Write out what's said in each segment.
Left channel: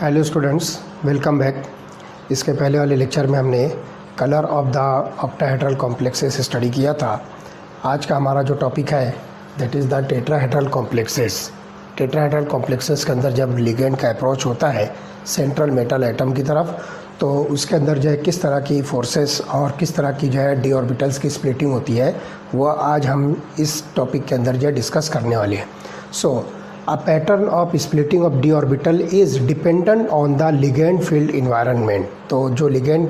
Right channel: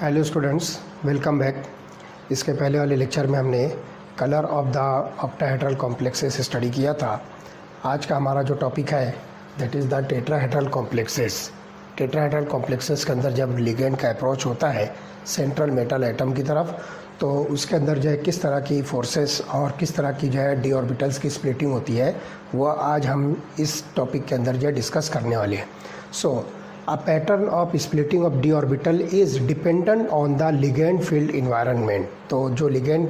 Hello students, welcome back. इसके पहले वाले लेक्चर में हमने colour of the octahedral complexes study किया था। आज का हमारा जो टॉपिक है that is the tetrahedral complexes. Tetrahedral complexes के अंदर जब लिगेंड का अप्रोच होता है सेंट्रल मेटल एटम की तरफ, तो उसके अंदर जो है किस तरह की फोर्सेस और किस तरह की जो है डी ऑर्बिटल्स की स्प्लिटिंग होती है, वो आज हम इस टॉपिक के अंदर जो है डिस्कस करने वाले हैं। सो A pattern of splitting of d orbital is dependent on the ligand field environment। तो जो लिगेंड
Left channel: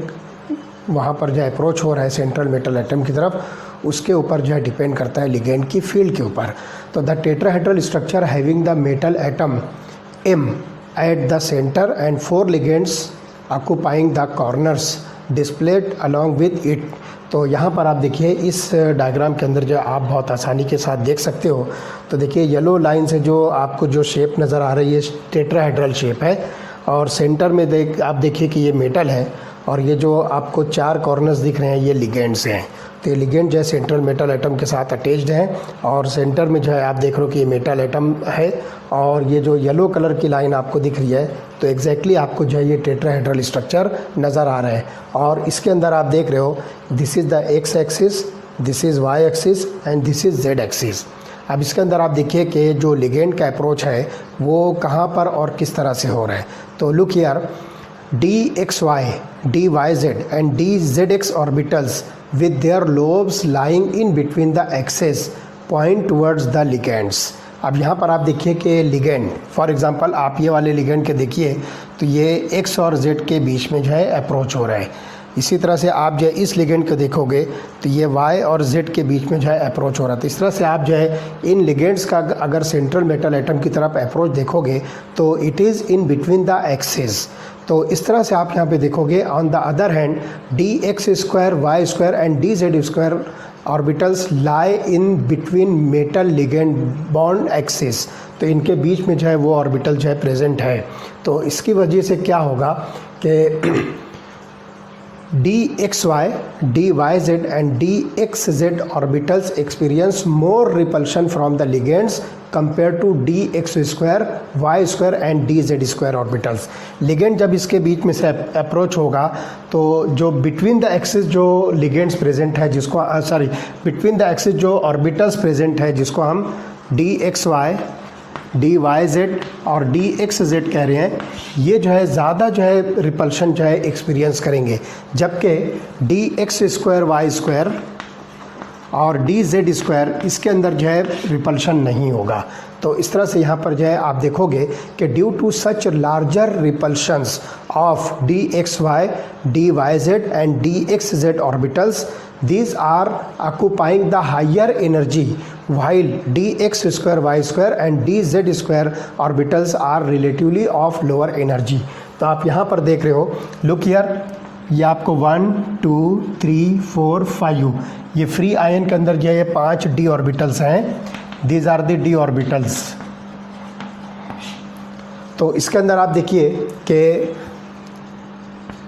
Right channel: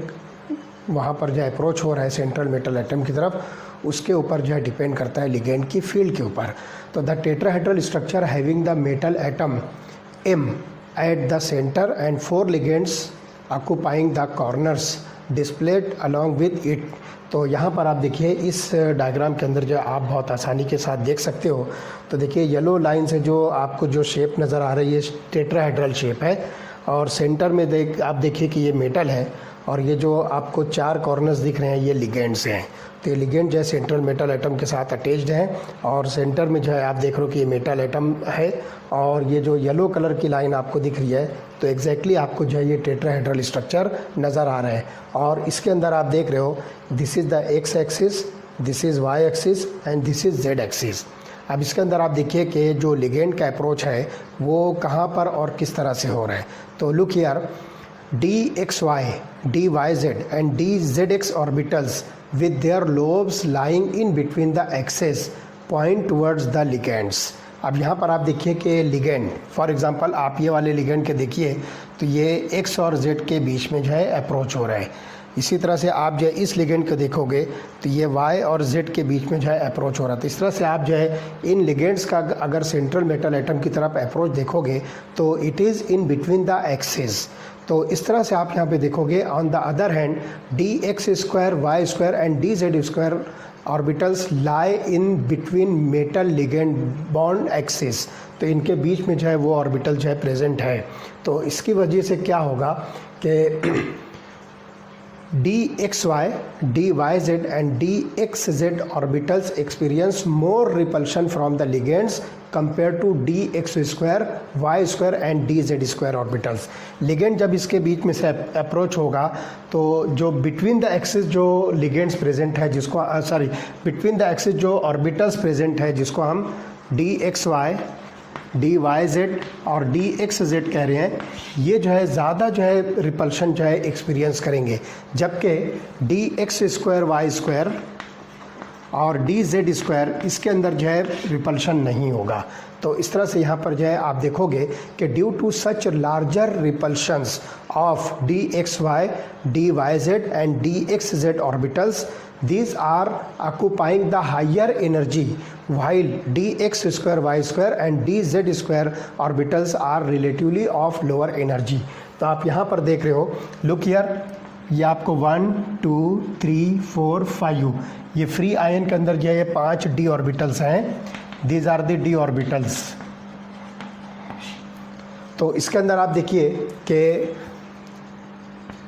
वहाँ पर जो अप्रोच हो रहा है सेंट्रल मेटल एटम की तरफ, उसके ऊपर जो है डिपेंड करता है लिगेंड की फील्ड के ऊपर। तो the tetrahedral structure having the metal atom M at the center and 4 ligands occupying the corners displayed along with it। तो यहाँ पर आप देखिए इस डायग्राम के अंदर जो आप बहुत आसानी के साथ देख सकते हो। तो देखिए येलो लाइन से जो आपको जो शेप नज़र आ रही है टेट्राहेड्रल शेप है, और सेंटर में आप देखिए कि ये मेटल है, और ये जो आपको 4 कॉर्नर्स दिख रहे हैं ये लिगेंड्स हैं। तो ये लिगेंड जो है सेंट्रल मेटल एटम के साथ अटैच्ड है, और सेंटर में जो है आप देख रहे हो कि ये मेटल एटम है, और ये जो येलो कलर की लाइन आपको दिख रही है तो एग्जैक्टली आपको जो है ये टेट्राहेड्रल स्ट्रक्चर नज़र आ रहा है। और इसके अंदर आप देख रहे हो this is the x axis, this is why axis and this is Z axis. अब इसके अंदर आप देखिए कि जो लिगेंड का अप्रोच है वो कहाँ पर और किस तरह से हो रहा है। तो look here, dxy, dyz and dzx orbitals with their lobes lying in between the axes point towards the ligands। अब यहाँ पर आप देखिए कि लिगेंड, फॉर एग्जांपल आप ये वाले लिगेंड के देखिए तो ये x और z के बीच में जो है अप्रोच हो रहा है। इसी तरह से आप जो है इस लिगेंड को देखोगे तो ये y और z के बीच में जो है अप्रोच हो रहा है। तो इस तरह से आप जो है इन लिगेंड्स का अगर सेंट्रल मेटल एटम की तरफ अप्रोच देखोगे तो it is in between the axes. तो इस तरह से आप यहाँ पे देखोगे। On the other hand dx square Y square and dz square orbitals lie in between metal ligand bond axis. तो इनके बीच में जो है वो ऑर्बिटल जो है प्रेजेंट है। तो इसकी वजह से क्या होगा कि dxy, dyz and dxz orbitals experience more repulsion from the ligands compared to dx square, y square and dz square orbitals। Ligand जब इसके बीच में से अप्रोच होगा तो जो बिटवीन द एक्सिस जो लिगेंड्स प्रेजेंट है जिसको बिटवीन द एक्सिस जो ऑर्बिटल्स प्रेजेंट है जिसको हम dxy, dyz और dxz कह रहे हैं, ये जो है ज़्यादा जो है रिपल्शन जो है एक्सपीरियंस करेंगे, जबकि dx स्क्वायर वाई स्क्वायर और dz स्क्वायर इसके अंदर जो है रिपल्शन नहीं होगा। तो इस तरह से यहाँ पर जो है आप देखोगे कि due to such larger repulsions of dxy, dyz and dxz orbitals, these are occupying the higher energy while dx square y square and dz square orbitals are relatively of lower energy। तो आप यहाँ पर देख रहे हो, look here, ये आपको 1 2 3 4 5 ये फ्री आयन के अंदर जो है ये 5 डी ऑर्बिटल्स हैं। These are the D orbitals. तो इसके अंदर आप देखिए कि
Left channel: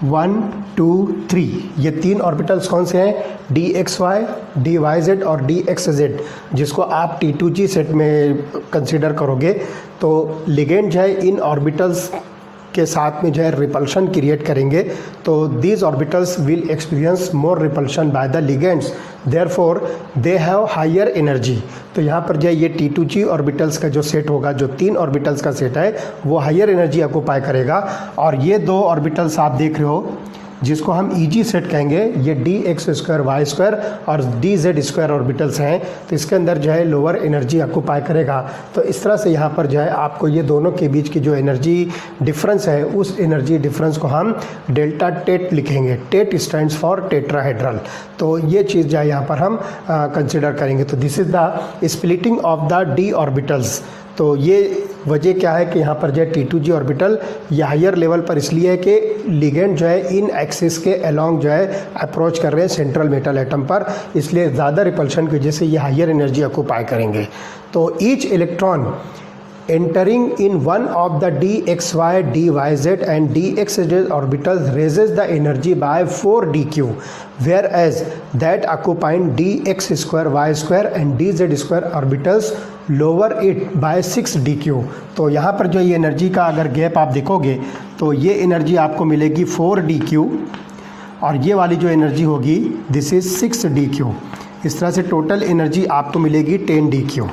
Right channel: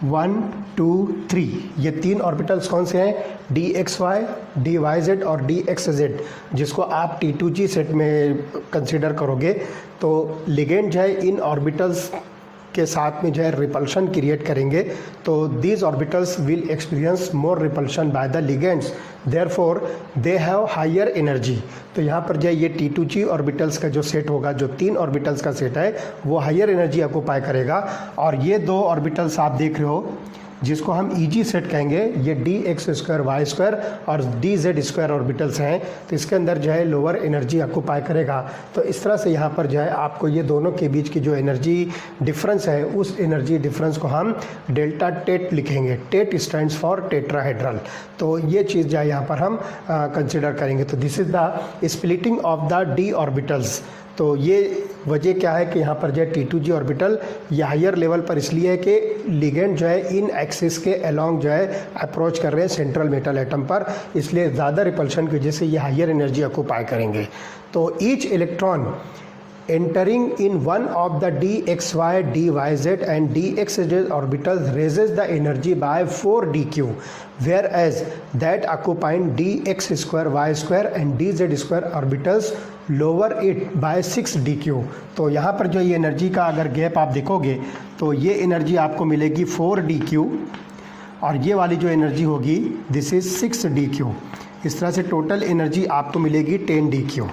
1 2 3 ये 3 ऑर्बिटल्स कौन से हैं, dxy, dyz और dxz, जिसको आप T2G सेट में कंसीडर करोगे। तो लिगेंड जो है इन ऑर्बिटल्स के साथ में जो है रिपल्शन क्रिएट करेंगे। तो these orbitals will experience more repulsion by the ligands, therefore they have higher energy. तो यहाँ पर जो है ये T2G ऑर्बिटल्स का जो सेट होगा, जो 3 ऑर्बिटल्स का सेट है, वो हायर एनर्जी ऑक्यूपाई करेगा। और ये 2 ऑर्बिटल्स आप देख रहे हो जिसको हम EG सेट कहेंगे, ये dx स्क्वायर वाई स्क्वायर और dz स्क्वायर ऑर्बिटल्स हैं। तो इसके अंदर जो है लोअर एनर्जी ऑक्यूपाई करेगा। तो इस तरह से यहाँ पर जो है आपको ये दोनों के बीच की जो एनर्जी डिफरेंस है, उस एनर्जी डिफरेंस को हम डेल्टा टेट लिखेंगे। Tet stands for tetrahedral. तो ये चीज़ जो है यहाँ पर हम कंसिडर करेंगे। तो this is the splitting of the D orbitals. तो ये वजह क्या है कि यहाँ पर जो है T2G ऑर्बिटल ये हायर लेवल पर इसलिए है कि लिगेंड जो है इन एक्सिस के अलोंग जो है अप्रोच कर रहे हैं सेंट्रल मेटल एटम पर, इसलिए ज़्यादा रिपल्शन की वजह से ये हायर एनर्जी ऑक्यूपाई करेंगे। तो each electron entering in one of the dxy, dyz and dxz orbitals raises the energy by 4 dq, whereas that occupying dx square, y square and dz square orbitals lower it by 6 dq। तो यहाँ पर जो ये energy का अगर gap आप देखोगे तो ये एनर्जी आपको मिलेगी 4 dq और ये वाली जो एनर्जी होगी दिस इज 6 dq। इस तरह से टोटल एनर्जी आपको मिलेगी 10 dq।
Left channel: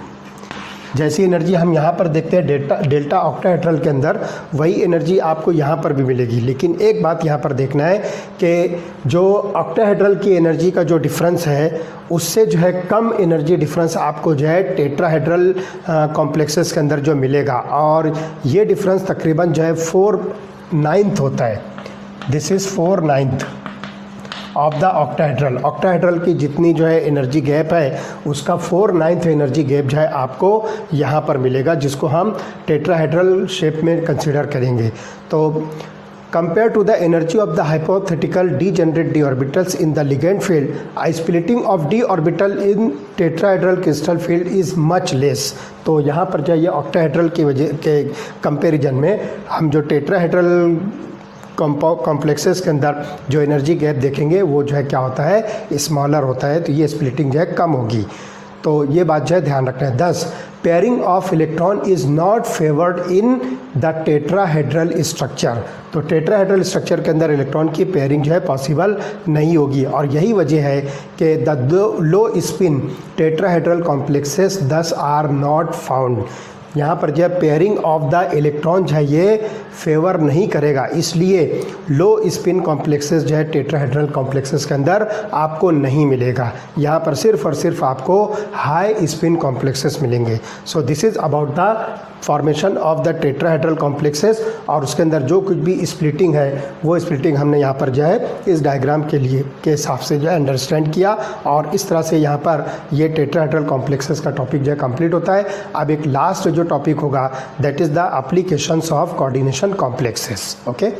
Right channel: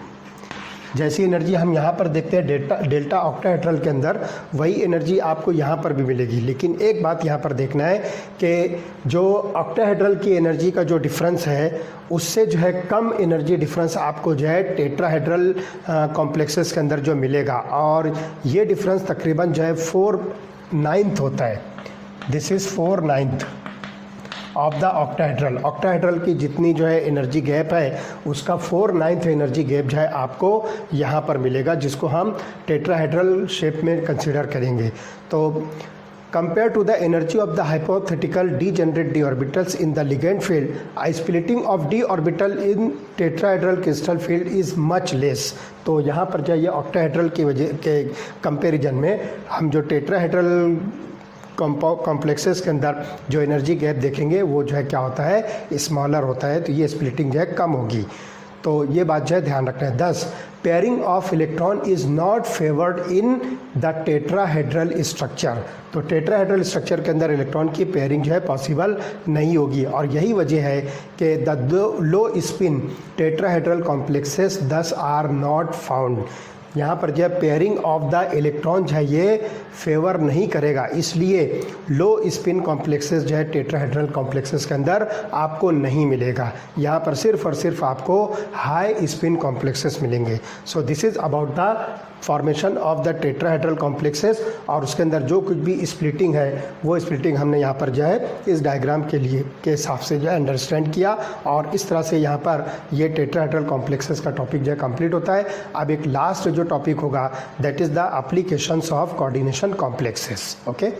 जैसी एनर्जी हम यहाँ पर देखते हैं डेल्टा ऑक्टाहेड्रल के अंदर, वही एनर्जी आपको यहाँ पर भी मिलेगी। लेकिन एक बात यहाँ पर देखना है कि जो ऑक्टाहेड्रल की एनर्जी का जो डिफरेंस है उससे जो है कम एनर्जी डिफरेंस आपको जो है टेट्राहेड्रल कॉम्प्लेक्सेस के अंदर जो मिलेगा, और ये डिफरेंस तकरीबन जो है 4/9 होता है। This is 4/9 of the octahedral. Octahedral की जितनी जो है एनर्जी गैप है उसका 4/9 एनर्जी गैप जो है आपको यहाँ पर मिलेगा, जिसको हम टेट्राहेड्रल शेप में कंसिडर करेंगे। तो compared to the energy of the hypothetical degenerate d orbitals in the ligand field, a splitting of d orbital in tetrahedral crystal field is much less। तो यहाँ पर जो ये ऑक्टाहेड्रल की वजह के कंपैरिजन में हम जो टेट्राहेड्रल कॉम्प्लेक्सेस के अंदर जो एनर्जी गैप देखेंगे वो जो है क्या होता है, स्मॉलर होता है। तो ये स्प्लिटिंग जो है कम होगी। तो ये बात जो है ध्यान रखना है। 10 pairing of electron is not favoured in the tetrahedral structure. तो टेट्राहेड्रल स्ट्रक्चर के अंदर इलेक्ट्रॉन की पेयरिंग जो है पॉसिबल नहीं होगी, और यही वजह है कि the low spin tetrahedral complexes दस आर नॉट फाउंड। यहाँ पर जो है पेयरिंग ऑफ द इलेक्ट्रॉन जो है ये फेवर नहीं करेगा, इसलिए लो स्पिन कॉम्प्लेक्सेस जो है टेट्राहेड्रल कॉम्प्लेक्सेस के अंदर आपको नहीं मिलेगा। यहाँ पर सिर्फ और सिर्फ आपको हाई स्पिन कॉम्प्लेक्सेस मिलेंगे। So this is about the formation of the tetrahedral complexes, और उसके अंदर जो कुछ भी स्प्लिटिंग है वो स्प्लिटिंग हमने यहाँ पर जो है इस डायग्राम के लिए के हिसाब से जो है अंडरस्टैंड किया, और इस तरह से यहाँ पर ये टेट्राहेड्रल कॉम्प्लेक्सेस का टॉपिक जो है कंप्लीट होता है। अब एक लास्ट जो टॉपिक होगा that is the applications of coordination complexes. Okay.